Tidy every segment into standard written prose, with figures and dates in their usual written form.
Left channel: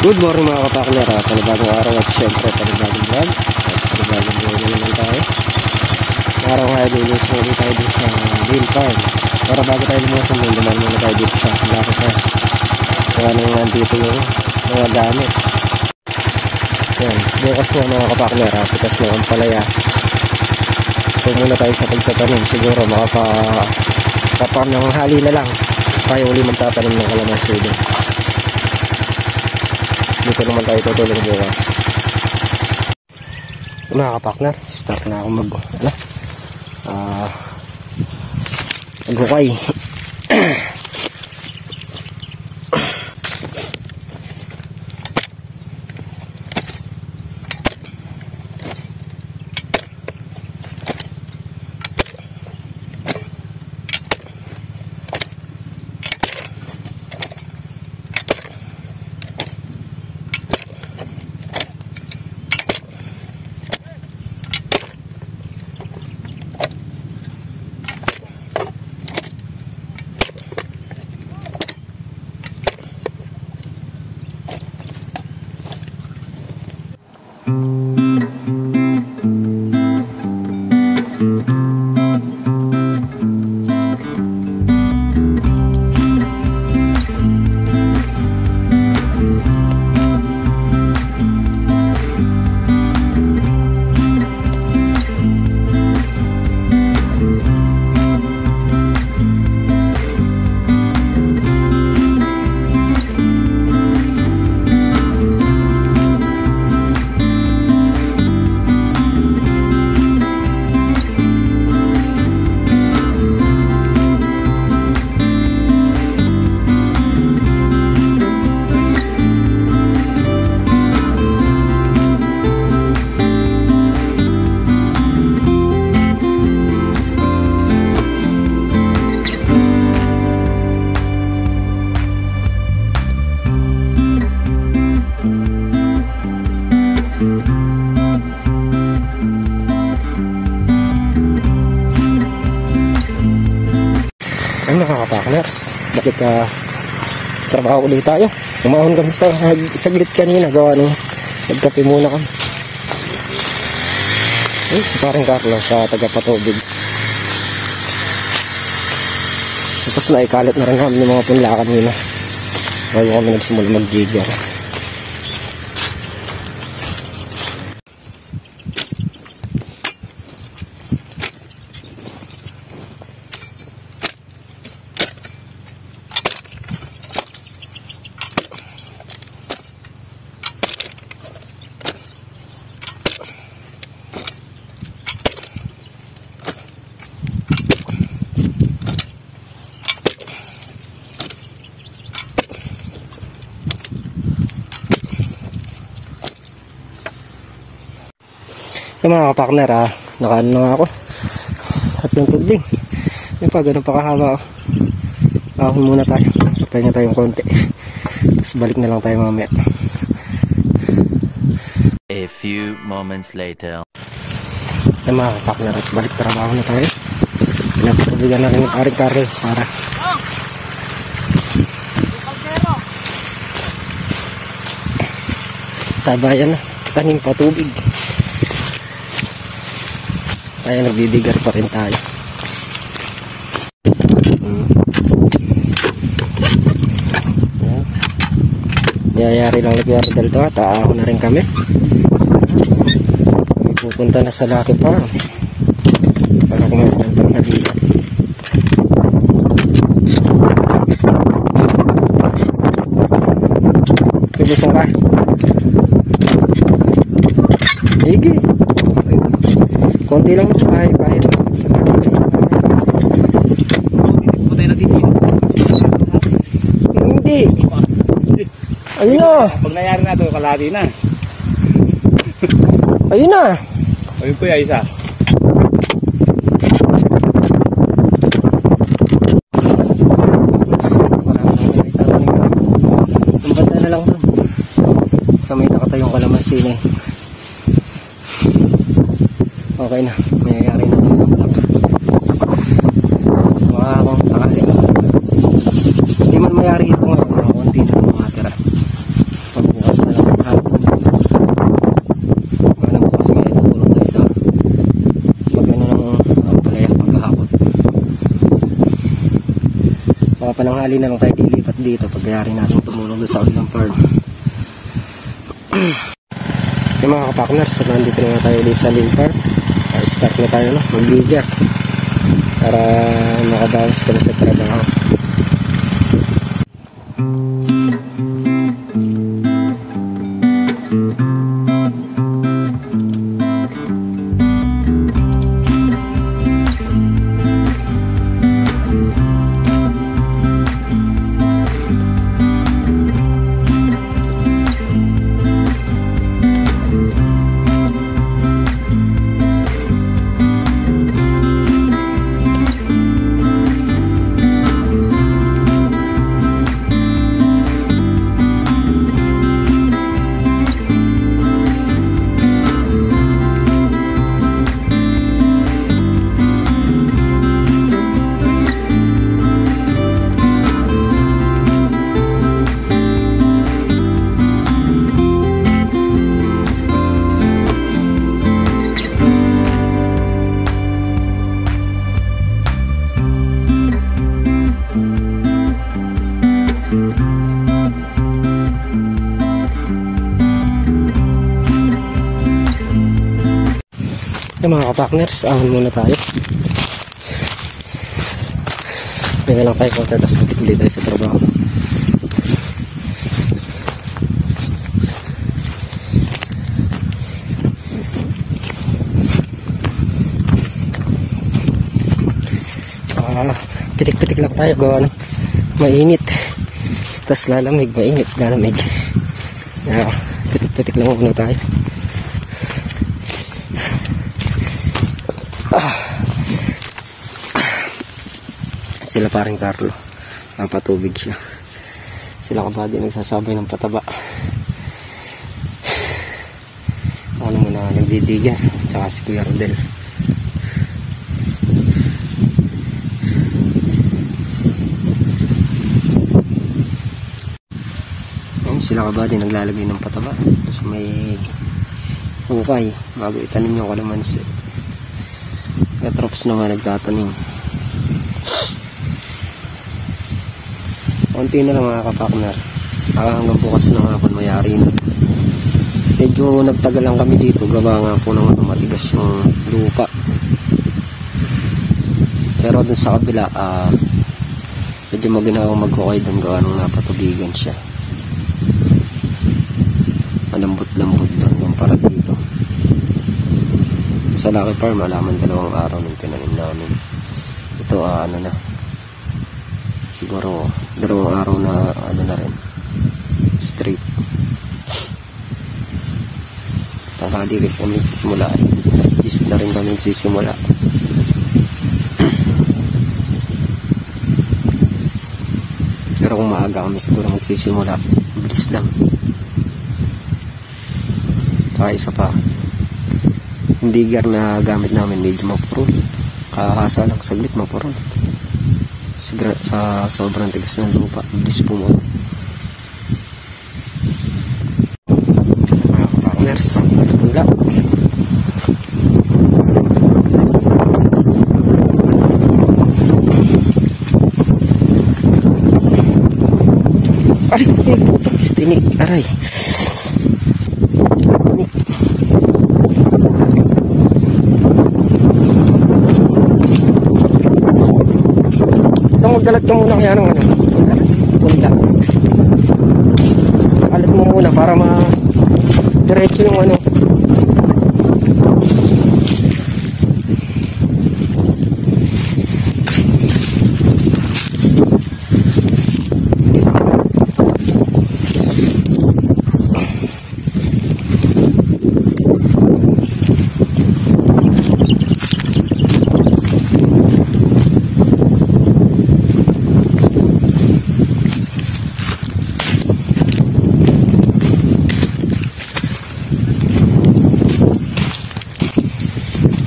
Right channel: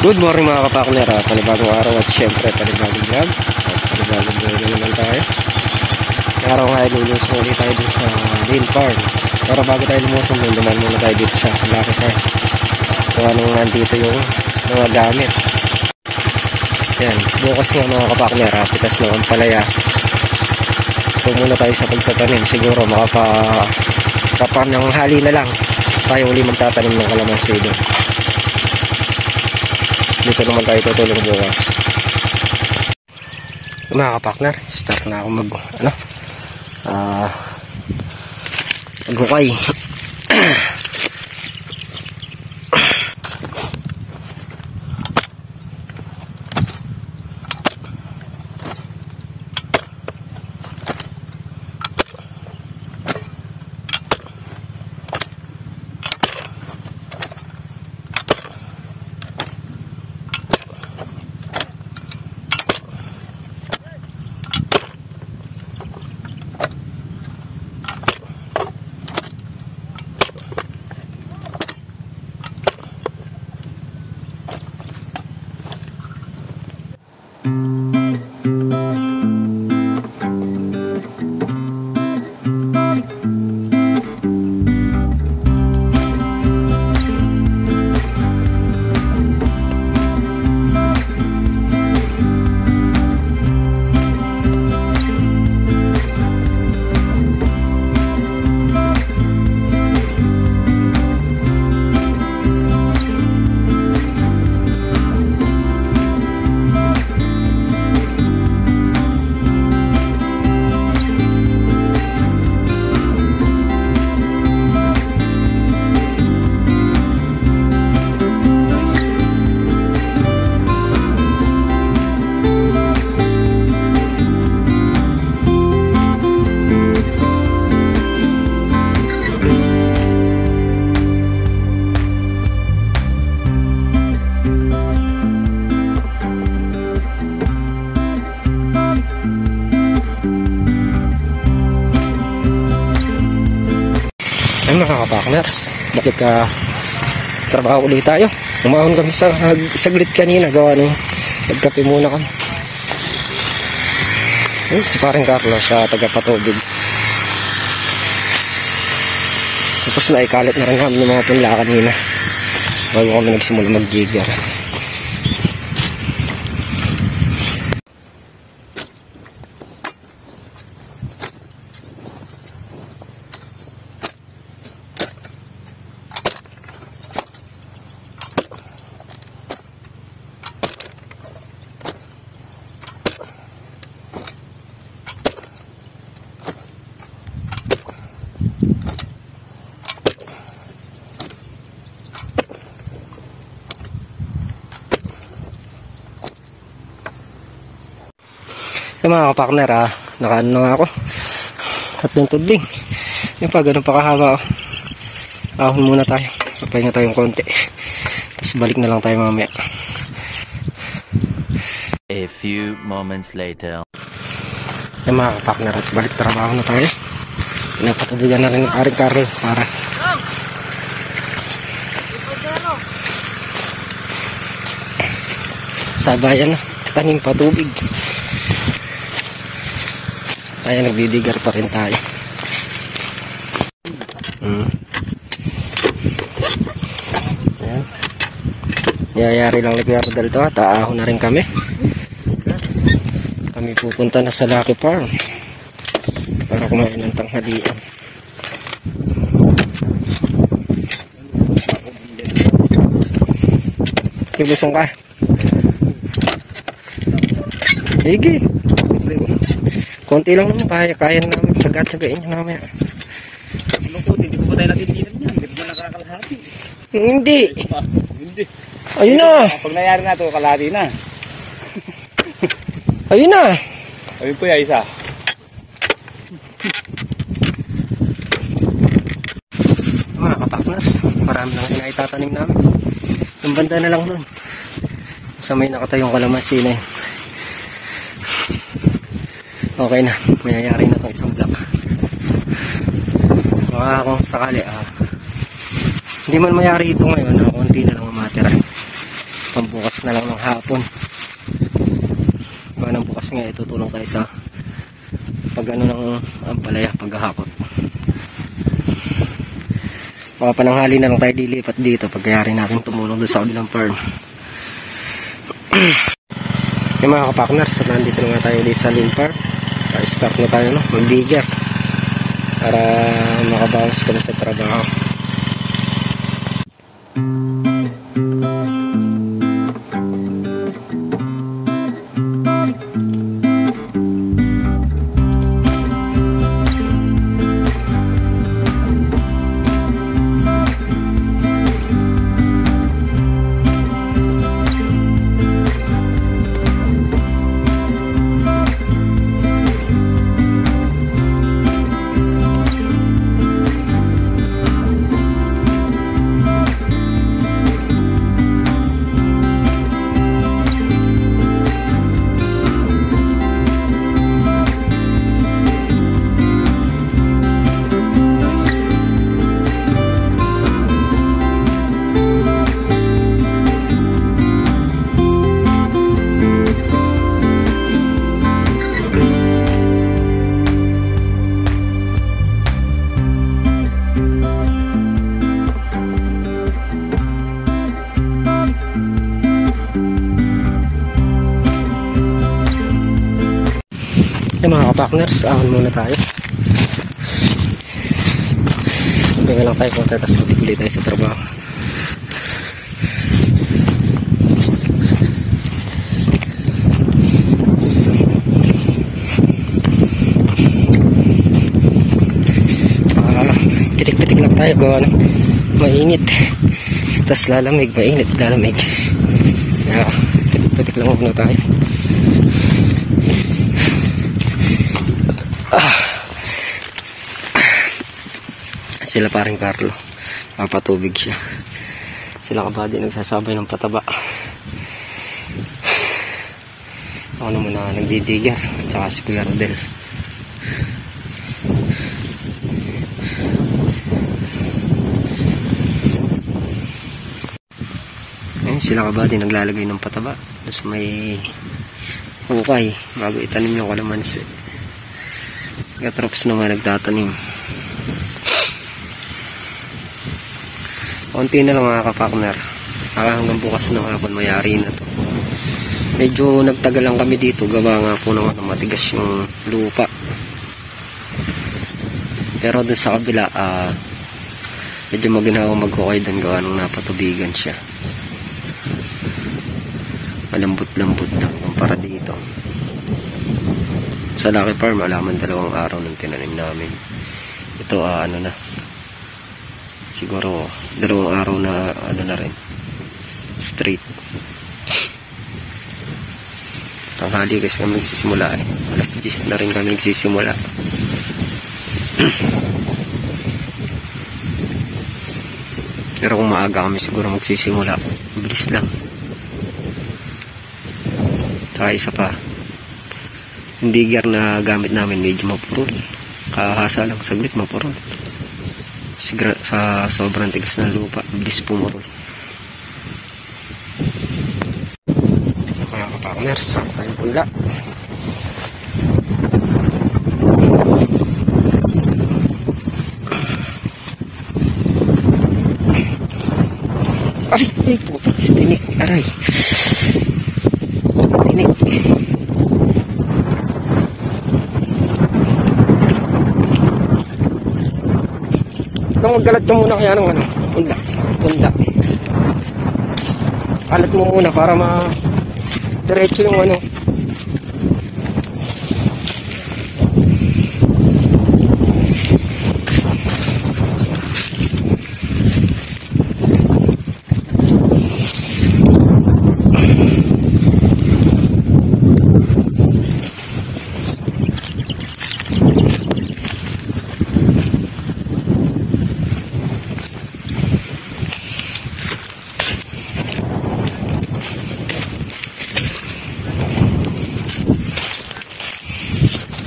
Good morning mga kapakner, panibagong araw at syempre panibagong vlog at panibagong buhay na naman tayo. Araw nga ilulusong ulit tayo dito sa Lane Farm. Pero bago tayo lumusong doon, duman muna tayo dito sa Lucky Farm kung anong nandito yung mga gamit. Yan, bukas nga mga kapakner, pitas na ang palaya. Kung muna tayo sa pagtatanim, siguro makapanang hali na lang tayo uli magtatanim ng kalamansi doon. Dito naman tayo tutulong bukas. Mga kapakner, start na ako maghukay. Ay mga kapakners, balik trabaho ulit tayo. Umahon kami sa saglit kanina, gawa nung nagkape muna kami. Ay, si paring Carlos sa tagapatubig. Tapos na ikalit na rin namin yung mga punla kanina bago kami nagsimula mag-gigar. Yung mga kapakner, nakaano na nga ako. Tatlong tudling. Yung pa, ganun pa kahaba. Ahon muna tayo. Papahinga tayong konti. Tapos balik na lang tayo mamaya. A few moments later. Yung mga kapakner, at balik trabaho na tayo. Pinapatubigan na rin yung aring Carl para sabayan na. Tanim patubig. Kaya nagdidigar pa rin tayo. Ayan. Yayari lang ni Kuya Rodel to at aahon na rin kami. Kami pupunta na sa Lucky Farm para kumain ng tanghalian. Ibusong ka? Sige. Konti lang naman, kaya na naman. Tsaga-tsagain na naman. Hindi mo tayo nagigit. Hindi. Ayun na. Pag nangyari na ito, kalahati na. Ayun na. Ayun po yung isa. Mga kapaklas. Marami lang yung itatanim namin. Yung banda na lang dun. Sa may nakatayong kalamansi na yun. Okay na, mayayari na itong isang block. Baka kung sakali hindi man mayari ito ngayon, konti na lang matira pambukas hapon. Nang bukas nga itutulong tayo sa pag ano ng ampalaya paghahakot. Mga pananghali na lang tayo dilipat dito pagyari natin tumulong doon sa kabilang farm. Yung mga kapakners, nandito na nga tayo ulit sa Lynn Farm. Start na tayo no, mag-digger para makabawas kami sa trabaho. Yung mga kapakners, ahon muna tayo. Tingnan lang tayo konti, tapos magpuli tayo sa trabaho. Pitik-pitik lang tayo, gawa ng mainit. Tapos lalamig, mainit, lalamig. Pitik-pitik lang muna tayo. Sila paring Carlo, papatubig siya. Sila kabady nagsasabay ng pataba. Ako naman na nagdidigar, tsaka si Kuya Rodel. Ayun, sila kabady naglalagay ng pataba sa may hukay bago itanim yung kalamansi. Katrops naman nagtatanim. Konti na lang mga kapakner. Hanggang bukas na hapon mayari na to. Medyo nagtagal lang kami dito. Gawa nga po naman matigas yung lupa. Pero dun sa kabila medyo maginawang magkukay dun gawa nung napatubigan siya. Malambot-lambot lang yung para dito. Sa Lucky Farm alaman 2 araw nung tinanim namin. Ito ano na, siguro 2 araw na ano na rin, straight. Tanghali kasi kami nagsisimula alas 10 na rin kami nagsisimula. Pero kung maaga kami siguro magsisimula, bilis lang. Saka isa pa, yung digger na gamit namin medyo mapurol. Kahasa lang saglit mapurol. Sa sobrang tigas ng lupa, bilis pumurol. Mga kapakners, wala. Ay, tinik, aray. Tinik. Magkalat ka muna kaya ano, punta. Alat mo muna para diretso yung ano.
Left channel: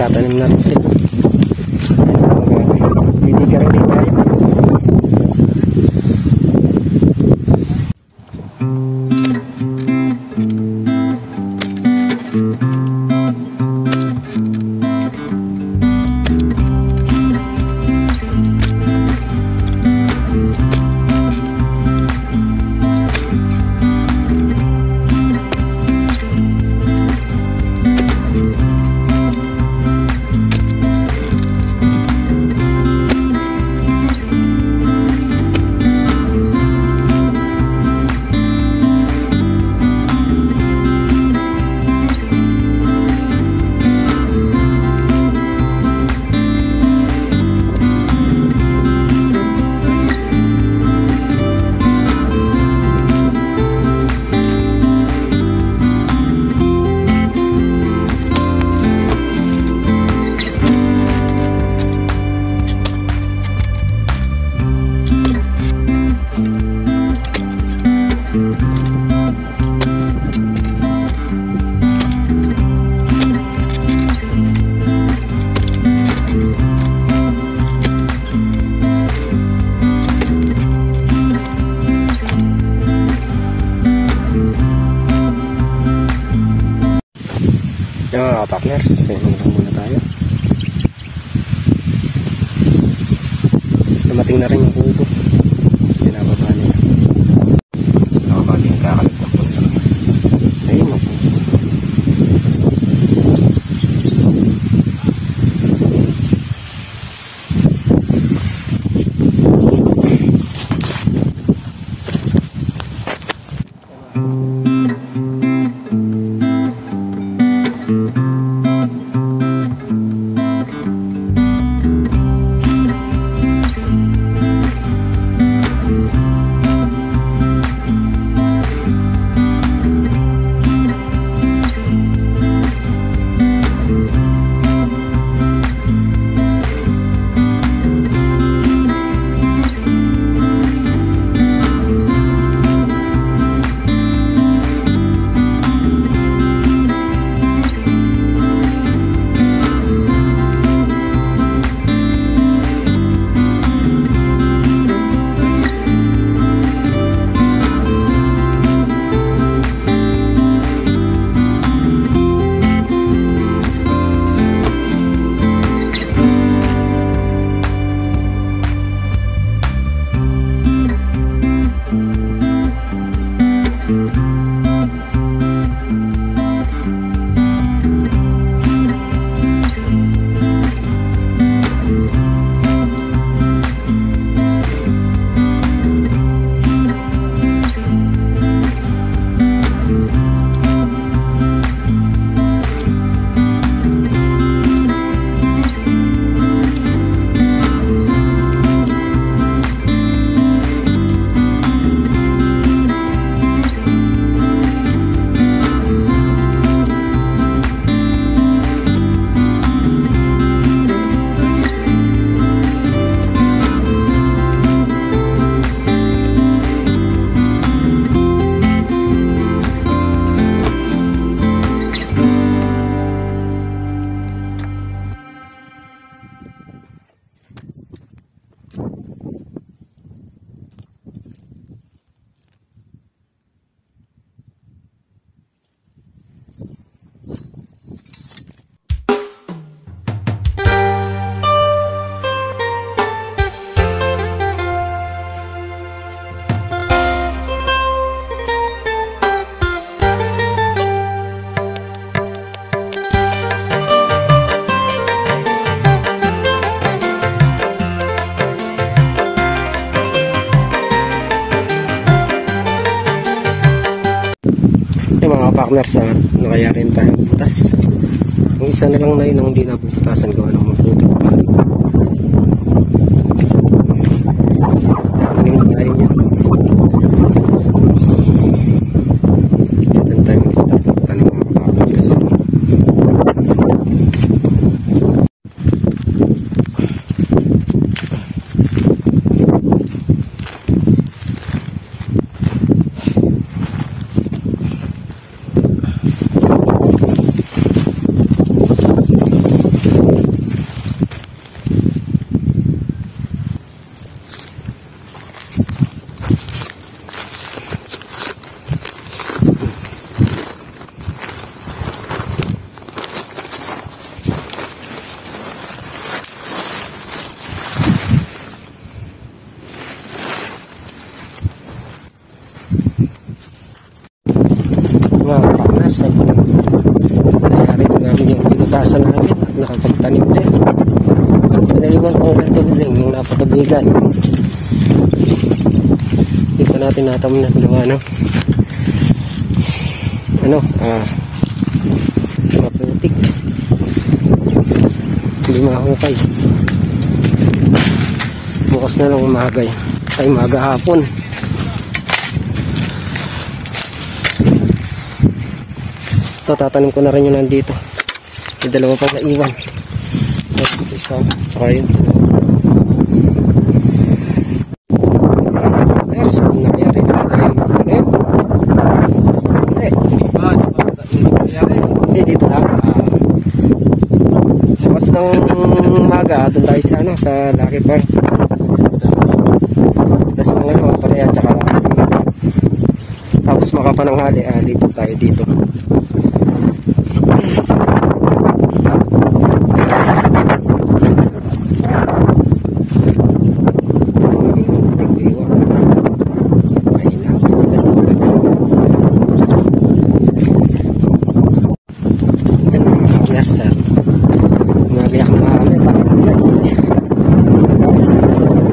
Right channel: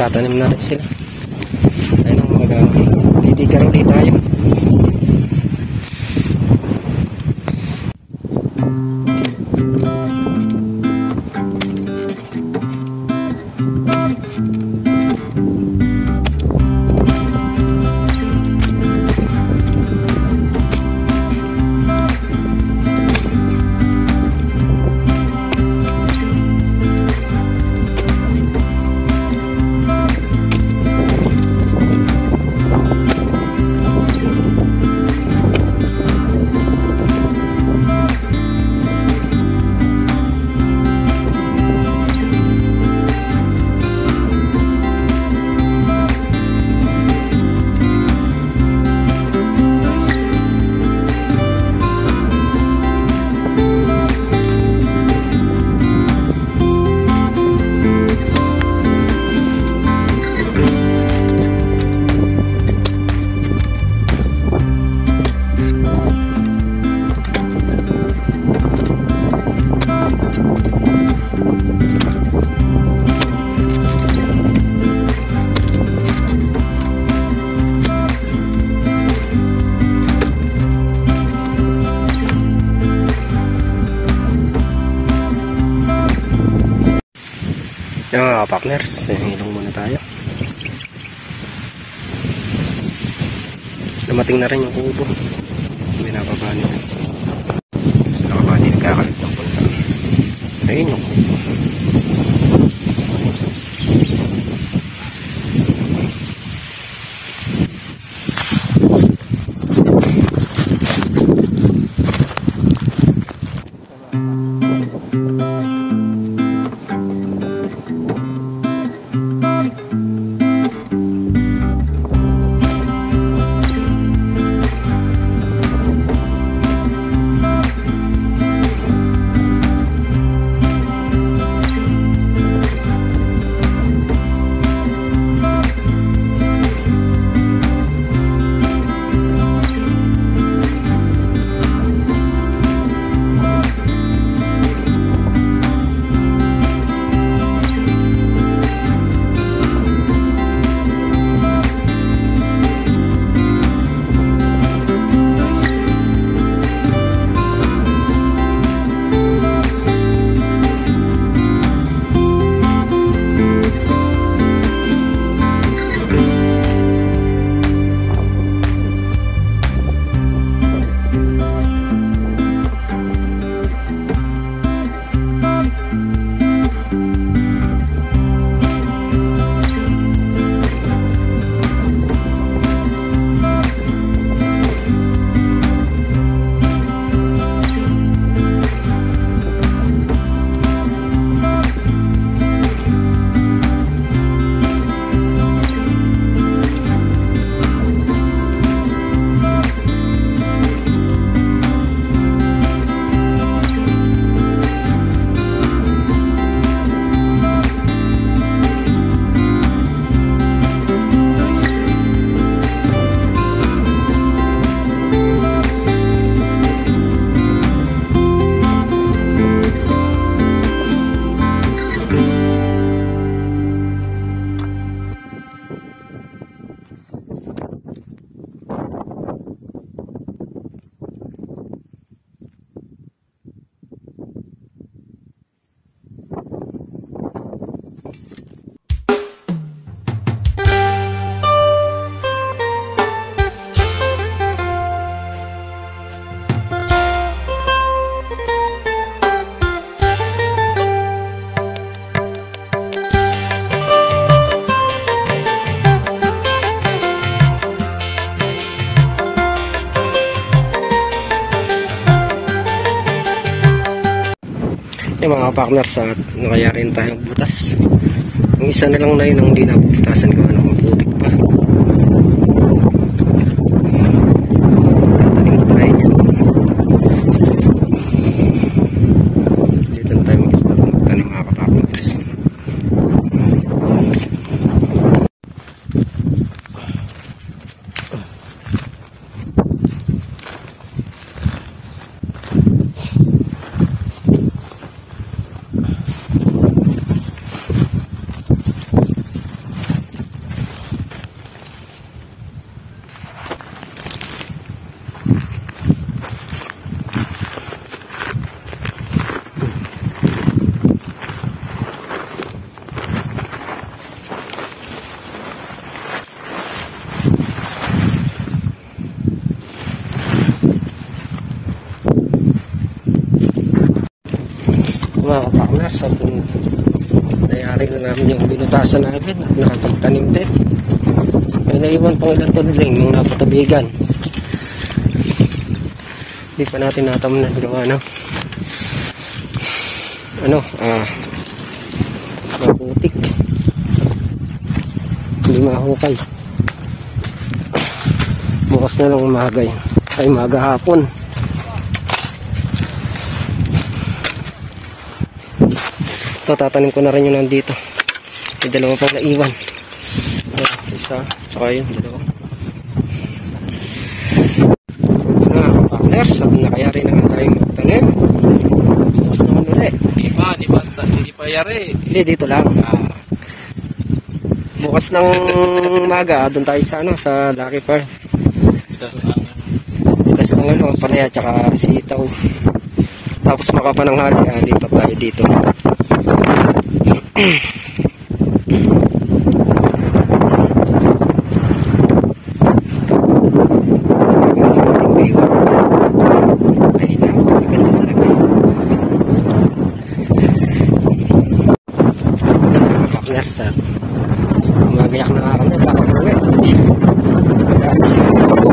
Tatanim na rin sila. Ayun, didigar ulit tayo. Yung mga partners, hilong muna tayo. Dumating na rin yung kubo. Binababa nila. So nakababa din kakalit ng punta. Ayun yung kubo. Yung mga partners, nakaya rin tayong butas. Yung isa na lang na yun ang hindi nabubutasan ko, ano, maputik pa. Tanim na tayo dyan. Dito tayo tanim mga partners. Mga partners, at nangyari lang namin yung binutasan namin at nakapagtanim din. May naiwan pang ilang tuliling yung napatubigan. Hindi pa natin natamnan gawa maputik, hindi mahukay. Bukas na lang umaga yun kasi umaga hapon. Ito, tatanim ko na rin yun nandito. May dalawa pang naiwan. Isa, tsaka yun. Sabi na kaya rin naman tayo magtanim. Basta na ulit. Hindi pa yari. Eh, dito lang. Bukas ng umaga, doon tayo sa Lucky Farm. Tapos ng palaya, tsaka sitaw. Tapos makapananghali, lipat tayo dito. Magayak na ako, bakit ulit? Mag-aasin na ako.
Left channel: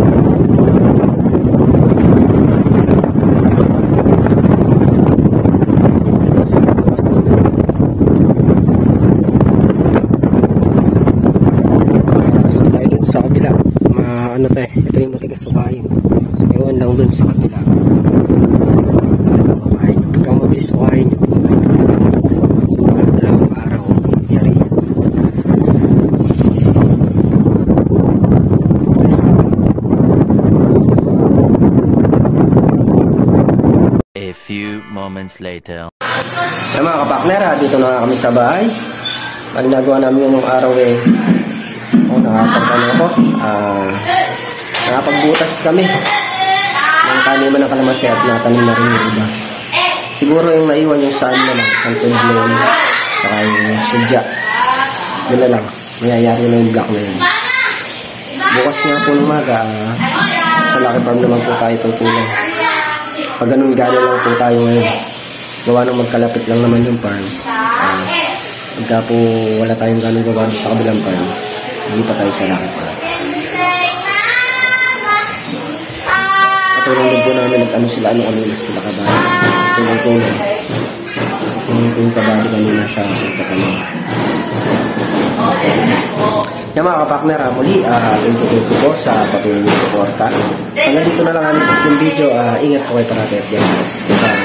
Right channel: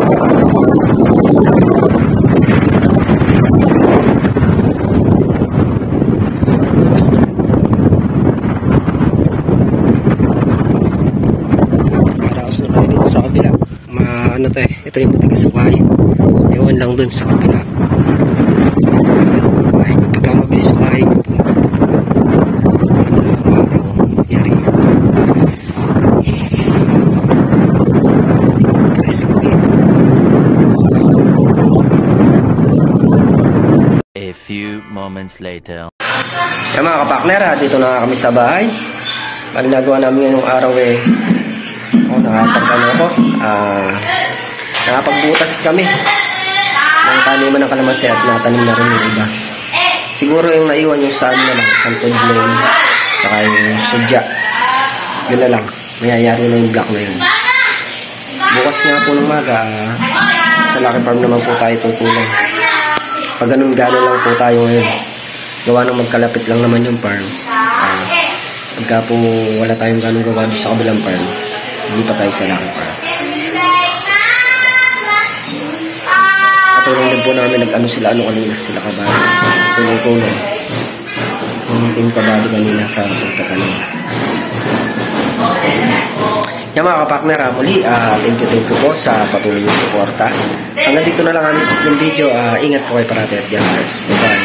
Bukas na. Malakas na tayo dito sa kabila. Ano tayo, ito yung matigas sukayin. Ewan lang dun sa kabila. Pagka mabilis sukayin, madalawang araw, yari yan. A few moments later. Yan mga kapakner, dito na kami sa bahay. Ang nagawa namin ngayong araw nakapagbutas kami ng taniman ng kalamansi at natanim na rin yung iba. Siguro yung naiwan yung saan na lang, isang tudlong, saka yung sudya. Yun na lang, mayayari na yung block na yun. Bukas nga po ng maga, sa Lucky Farm naman po tayo tutulong. Pag ganun gano'n lang po tayo ngayon. Gawa ng magkalapit lang naman yung farm. Pagka po wala tayong gano'n gawa sa kabilang farm, hindi pa tayo sa Lucky Farm. Patulong din po namin kanina, sila kabady. Tulong-tulong. Yung team kabady kanina sa pagtatanim. Yan mga kapakner, muli, thank you po sa patuloy yung suporta. Hanggang dito na lang ang isip yung video. Ingat po kayo parati at God bless. Bye.